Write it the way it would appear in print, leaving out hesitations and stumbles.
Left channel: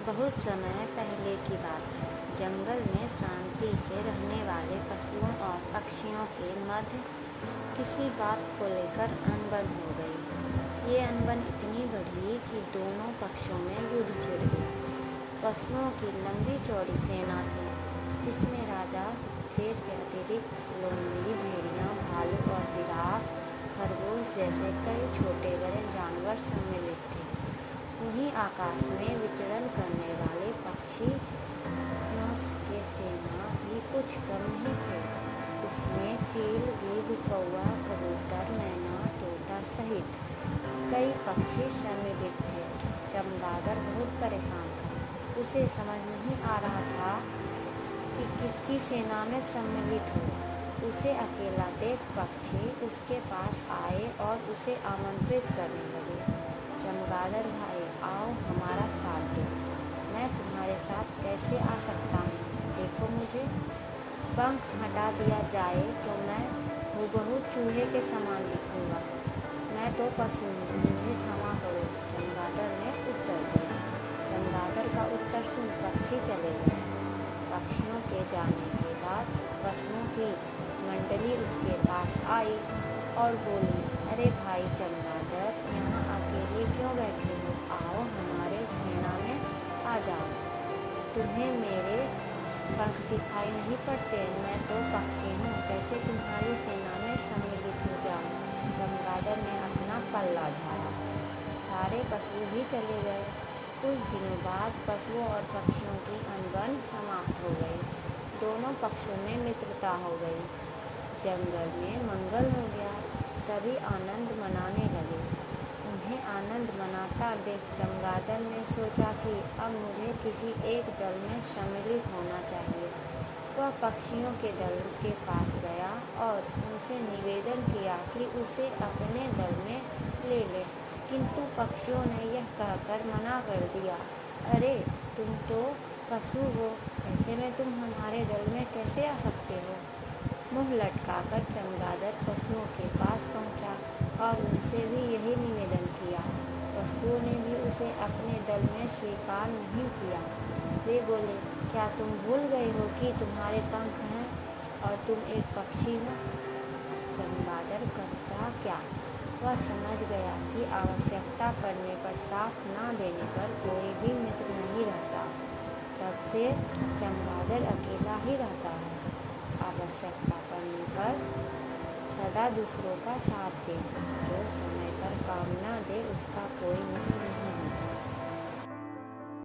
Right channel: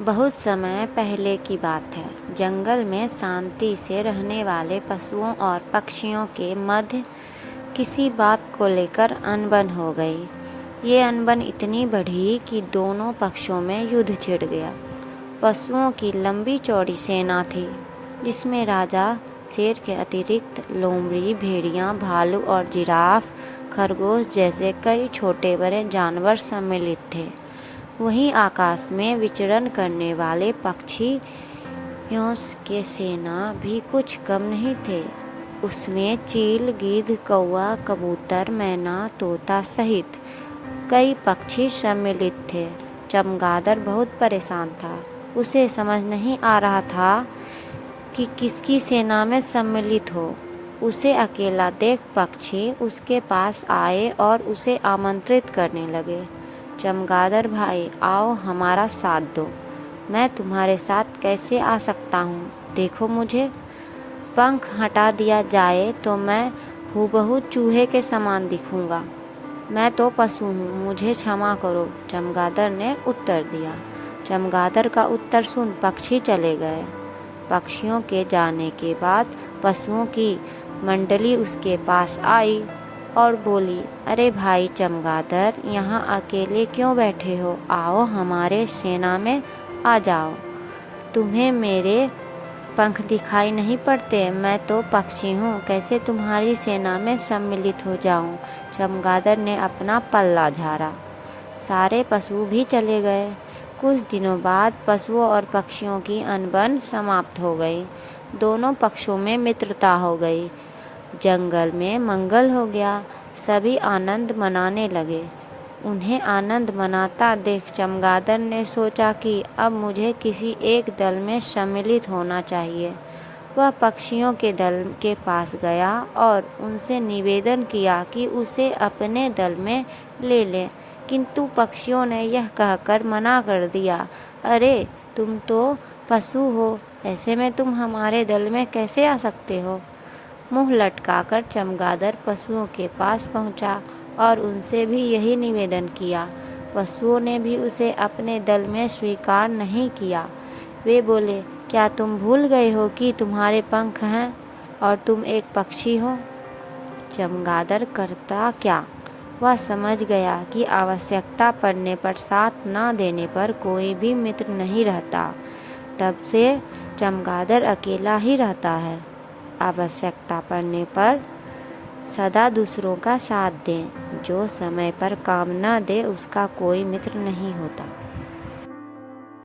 बहुत समय पहले की बात है। जंगल में शांति से रहने वाले पशुओं और पक्षियों के मध्य किसी बात को लेकर अनबन हो गई। ये अनबन इतनी बढ़ी कि दोनों पक्षों में युद्ध छिड़ गया। पशुओं की लंबी चौड़ी सेना थी, जिसमें राजा शेर के अतिरिक्त लोमड़ी, भेड़िया, भालू और जिराफ, खरगोश जैसे कई छोटे बड़े जानवर सम्मिलित थे। वहीं आकाश में विचरण करने वाले पक्षियों के सेना भी कुछ कम नहीं थे। उसमें चील, गिद्ध, कौवा, कबूतर, मैना, तोता सहित कई पक्षी सम्मिलित थे। चमगादड़ बहुत परेशान था। उसे समझ नहीं आ रहा था कि किसकी सेना में सम्मिलित हो। उसे अकेला देख पक्षी उसके पास आए और उसे आमंत्रित करने लगे। चमगादड़ भाई, आओ हमारा साथ दो। मैं तुम्हारे साथ कैसे आ सकता हूँ? देखो मुझे। पंख हटा दिया जाए तो मैं हूबहू चूहे के समान दिखूंगा। मैं तो पशु हूँ, मुझे क्षमा करो, चमगादड़ ने उत्तर दिया। चमगादड़ का उत्तर सुन पक्षी चले गए। पक्षियों के जाने के बाद पशुओं की मंडली उसके पास आई और बोली, अरे भाई चमगादड़, यहाँ अकेले क्यों बैठे हो? आओ हमारे सेना में आ जाओ। तुम्हें मेरे पंख दिखाई नहीं पड़ते? मैं तो पक्षी हूँ, कैसे तुम्हारी सेना में सम्मिलित हो जाऊँ? चमगादड़ ने अपना पल्ला झाड़ा। सारे पशु भी चले गए। कुछ दिनों बाद पशुओं और पक्षियों की अनबन समाप्त हो गई। दोनों पक्षों में मित्रता हो गई। जंगल में मंगल हो गया। सभी आनंद मनाने लगे। उन्हें आनंद मनाता देख चमगादड़ ने सोचा कि अब मुझे किसी एक दल में सम्मिलित होना चाहिए। वह पक्षियों के दल के पास गया और उनसे निवेदन किया कि उसे अपने दल में ले लें, किंतु पक्षियों ने यह कहकर मना कर दिया, अरे तुम तो पशु हो, ऐसे में तुम हमारे दल में कैसे आ सकते हो? मुंह लटकाकर चमगादड़ पशुओं के पास पहुंचा और उनसे भी यही निवेदन किया। पशुओं ने भी उसे अपने दल में स्वीकार नहीं किया। वे बोले, क्या तुम भूल गए हो कि तुम्हारे पंख हैं और तुम एक पक्षी हो? चमगादड़ करता क्या? वह समझ गया कि आवश्यकता पड़ने पर साथ न देने पर कोई भी मित्र नहीं रहता। तब से चमगादड़ अकेला ही रहता है। आवश्यकता पड़ने पर सदा दूसरों का साथ दें। जो समय पर काम न दे उसका कोई मित्र नहीं होता।